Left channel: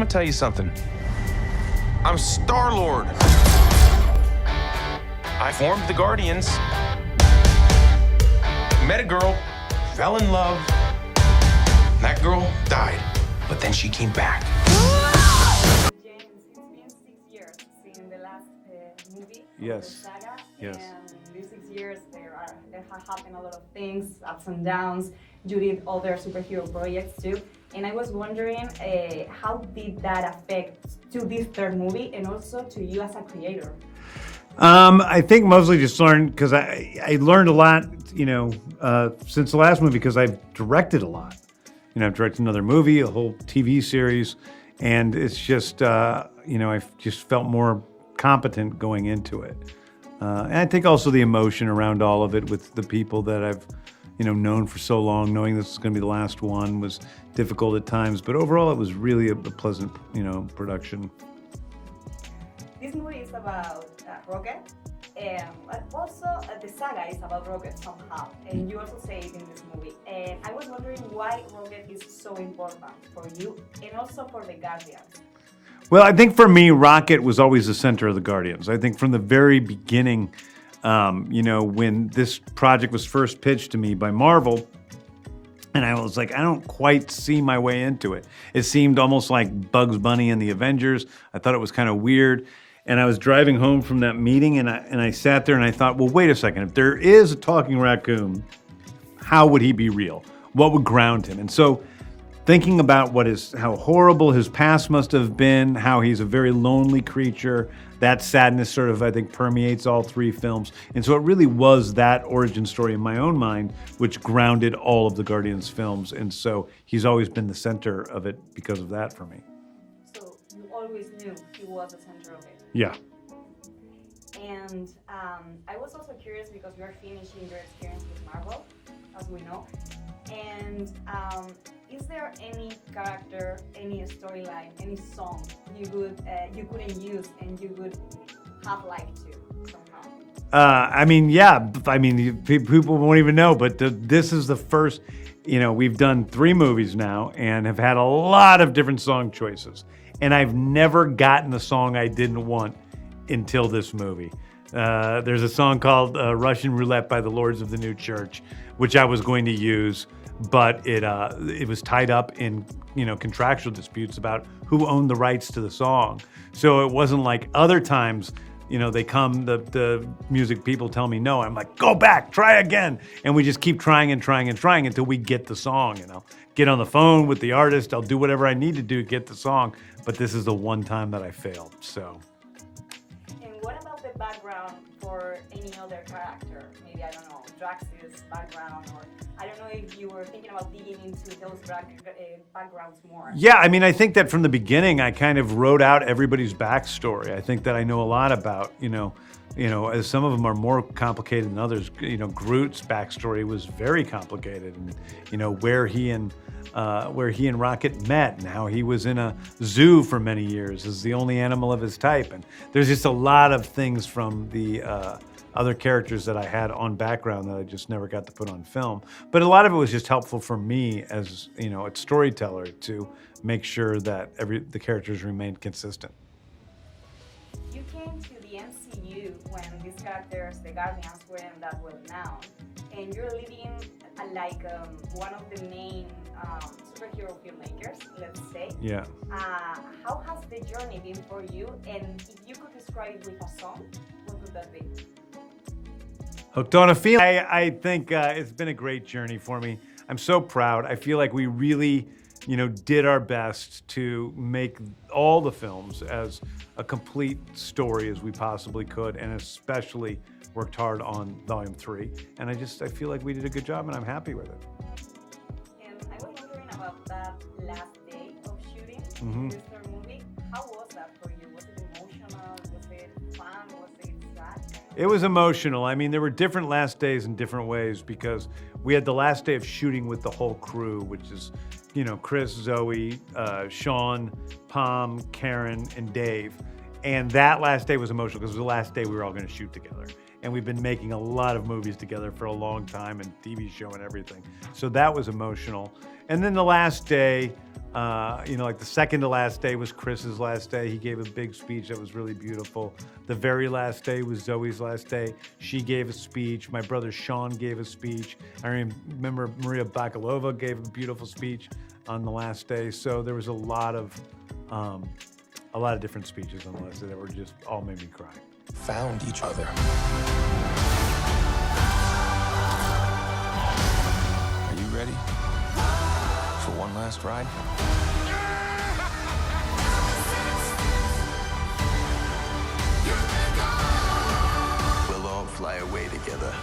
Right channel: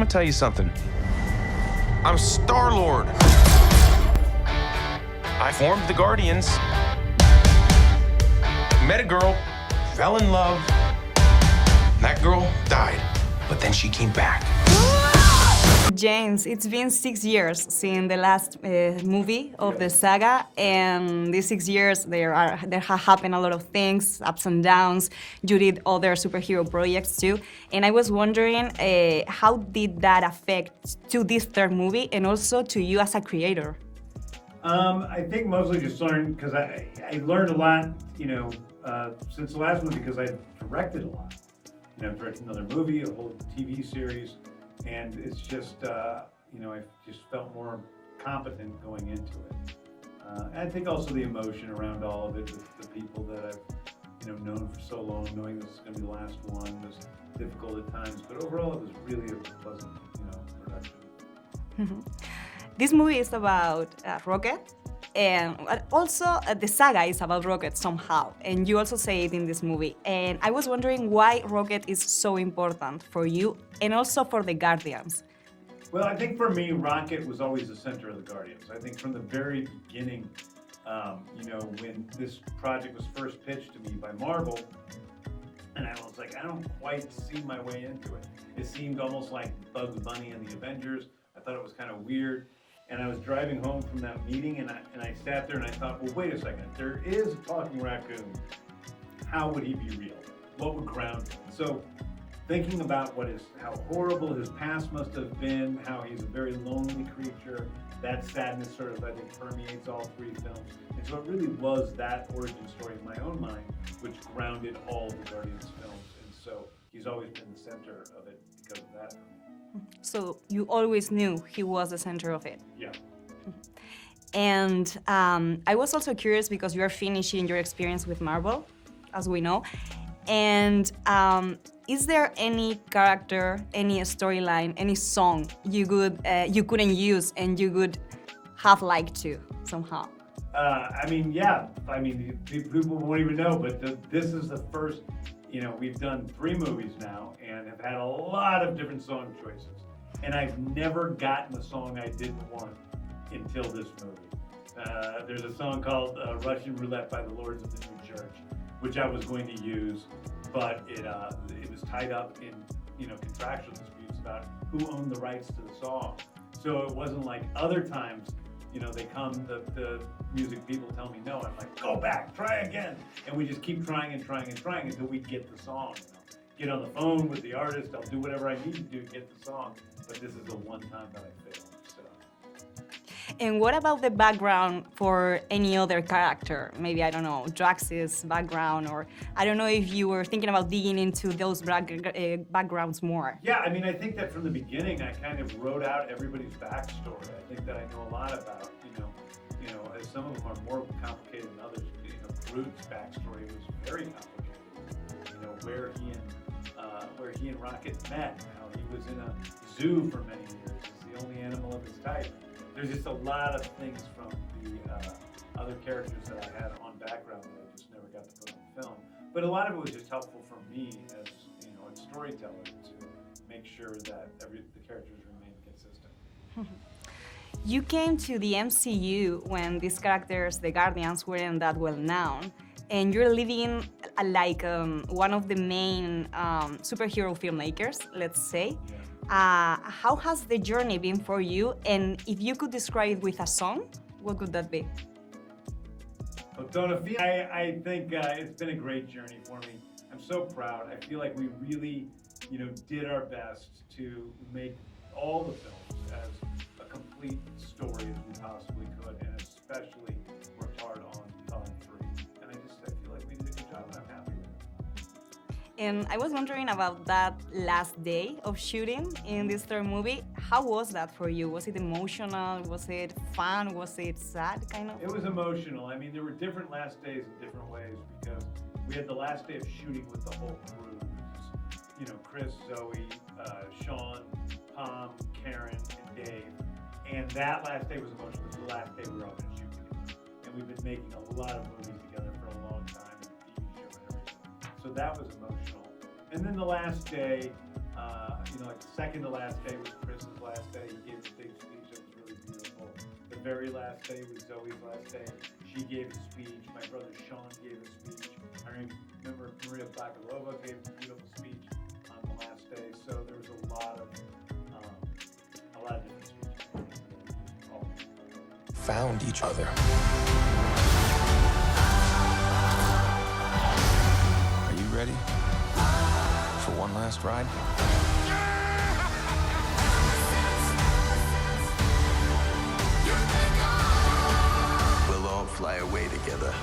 gonna tell you something. I'm Star-Lord. I formed the Guardians, met a girl, fell in love. That girl died, but then she came back. James, it's been 6 years since the last movie of the saga, and these 6 years there have happened a lot of things, ups and downs. You did other superhero projects too, and I was wondering how did that affect to this third movie and also to you as a creator? I think mostly just learned because I learned a lot, since the last movie because I've directed a lot. I've directed another movie, a whole TV series. And it's just, I've just felt more competent going into it. And I think also the emotion around all of it with the people that I've, known for so long, knowing this is going to be the last one was difficult at times. But overall, it was really a pleasant, production. Mm-hmm. This movie is about Rocket. And also, the saga is about Rocket somehow, and you also say it in this movie. And I was wondering why Rocket is so important for you and also for the Guardians. Well, I think for me, Rocket was always the center of the Guardians. I think from the very beginning, when this project was first pitched to me by Marvel, and I was like, I don't quite see my way into it. It seemed almost like Bugs Bunny and the Avengers. I thought it was kind of weird. And I was driving home from that meeting, and I sat there and I thought, well, wait a second. If there is a talking raccoon, how would he be real? What would ground him? And so thinking about how horrible his past must have been, how he's a very lonely creature, that sadness sort of, I think, permeates all three films. And so it really was that origin story in my own mind, which grounded all of the Guardians films. And so he's always been the center of it because of that for me. So you always knew he was the center of it? Yeah. And I was also curious because you are finishing your experience with Marvel, as we know. And is there any character, any storyline, any song you couldn't use and you would have liked to somehow? People won't even know, but this is the first, we've done 3 movies now and have had a lot of different song choices. And I've never gotten a song I didn't want until this movie. There's a song called Russian Roulette by the Lords of the New Church, which I was going to use, but it was tied up in, contractual disputes about who owned the rights to the song. So it wasn't like other times, the music people tell me no. I'm like, go back, try again. And we just keep trying and trying and trying until we get the song, Get on the phone with the artist. I'll do whatever I need to do to get the song. But this is the one time that I failed, so. And what about the background for any other character? Maybe, I don't know, Drax's background, or I don't know if you were thinking about digging into those backgrounds more. Yeah, I think that from the beginning, I kind of wrote out everybody's backstory. I think that I know a lot about, as some of them are more complicated than others. Groot's backstory was very complicated, and where he and Rocket met, and how he was in a zoo for many years as the only animal of his type. And there's just a lot of things from the other characters that I had on background that I just never got to put on film. But a lot of it was just helpful for me as a storyteller to make sure that the characters remained consistent. You came to the MCU when these characters, the Guardians, weren't that well known, and you're living like one of the main superhero filmmakers, let's say. Yeah. How has the journey been for you? And if you could describe it with a song, what could that be? Hooked on a Feeling. I think it's been a great journey for me. I'm so proud. I feel like we really, did our best to make all the films as a complete story as we possibly could, and especially worked hard on Volume 3. And I feel like we did a good job, and I'm happy with it. And I was wondering about that last day of shooting in this third movie. How was that for you? Was it emotional? Was it fun? Was it sad, kind of? It was emotional. There were different last days in different ways because we had the last day of shooting with the whole crew, which is, Chris, Zoe, Sean, Pom, Karen, and Dave. And that last day was emotional because it was the last day we were all going to shoot together. And we've been making a lot of movies together for a long time, and TV show and everything. So that was emotional. And then the last day, like the second to last day was Chris's last day. He gave a big speech that was really beautiful. The very last day was Zoe's last day. She gave a speech. My brother Sean gave a speech. I remember Maria Bakalova gave a beautiful speech on the last day. So there was a lot of different speeches on the last day that were just all made me cry. Found each other. Are you ready for one last ride? We'll all fly away together.